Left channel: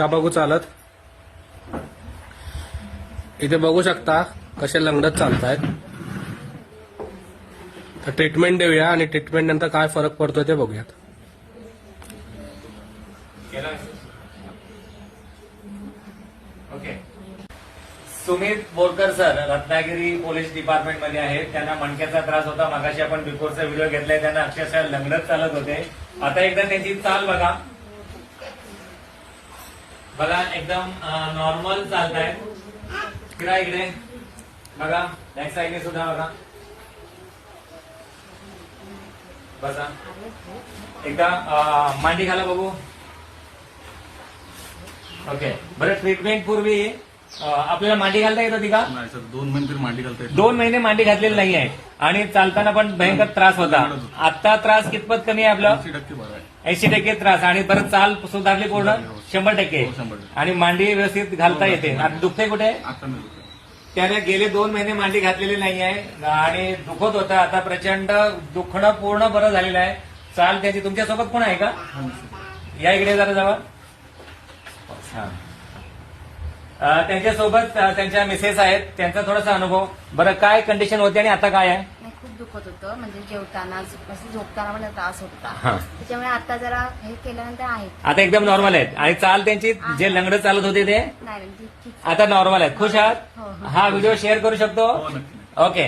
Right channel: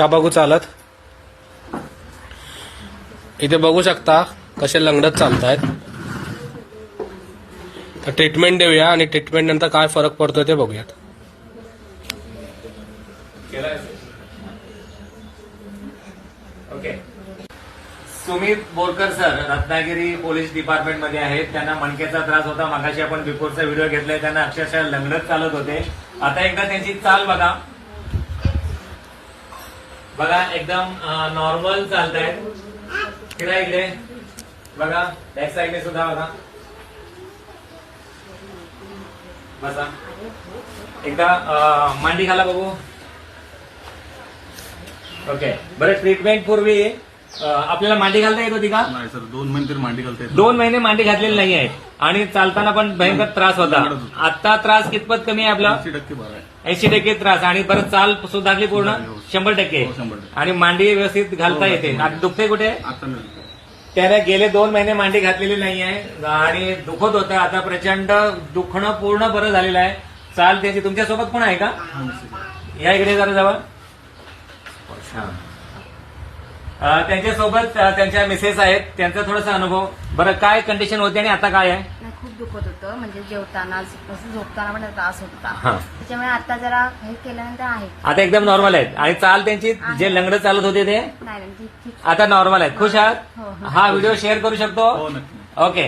या बघू चालत इथे बघू शकता कसे लंगडत चालतायत. तर ट्रीटमेंट देऊया आणि ट्रीटमेंट नंतर काय फरक पडतोय ते बघूयात. Okay. Sumit Borkar sir Ratnagiri police department मध्ये आहेत. त्यांना मणक्याचा त्रास होता. मागाशी आपण बिफोरचा व्हिडिओ घेतलाय. त्यांना अक्षरशः लंगडत चालत होते. आता एकदा त्यांची चाल बघा. बघा एकदम नॉर्मल चालतायत. फिरा इकडे बघा. बॅक साईडने सुद्धा बघा. बसा. एकदा मांडी घाला बघू. ओके. बरं ट्रीटमेंट पूर्वी आपल्याला मांडी घालता येत होती का? नाही सर, 2 महिने तरी मांडी घालता येत 2 महिने मांडी घातलेली नाही आहे आणि चालताना पण भयंकर त्रास होता. आता त्रास कितपत कमी आहे आपला? 80% बरं आहे. 80% त्रास आणि परत चाल सुधारली पूर्ण 100%. हो, 100%. आणि मांडी व्यवस्थित घालता येते. आता दुखते कुठे? आता नाही दुखत. त्याने गेले 2 महिने मांडी घातलेली नाही आहे आणि दुखत होतं. आता प्रचंड दुखणं पूर्ण बरं झालेलं आहे. चाल त्याची. तुमच्यासोबत कोण आहे का? हा, निश्चित. या इकडे जरा जवळ. त्यांच्यासोबत त्यांच्या मिसेस आहेत. त्यांचा थोडासा अनुभव. बरं काय कंडिशन होती आणि आता काय आहे? नाही, खूप दुखत होतं. म्हणजे जेवताना असं झोपताना पण त्रास होता. हा. त्याच्यामुळे आता जरा हे केल्यानंतर आहे. आता एकदम नॉर्मल आहेत आणि चाल त्यांची जे लंगडं चालत होते ते नाही ठीक ठीक. आता नॉर्मल आहेत. खुश आहात? हो, हो. हा व्हिडिओ शेअर करू शकतो. हो, नक्की. ओके.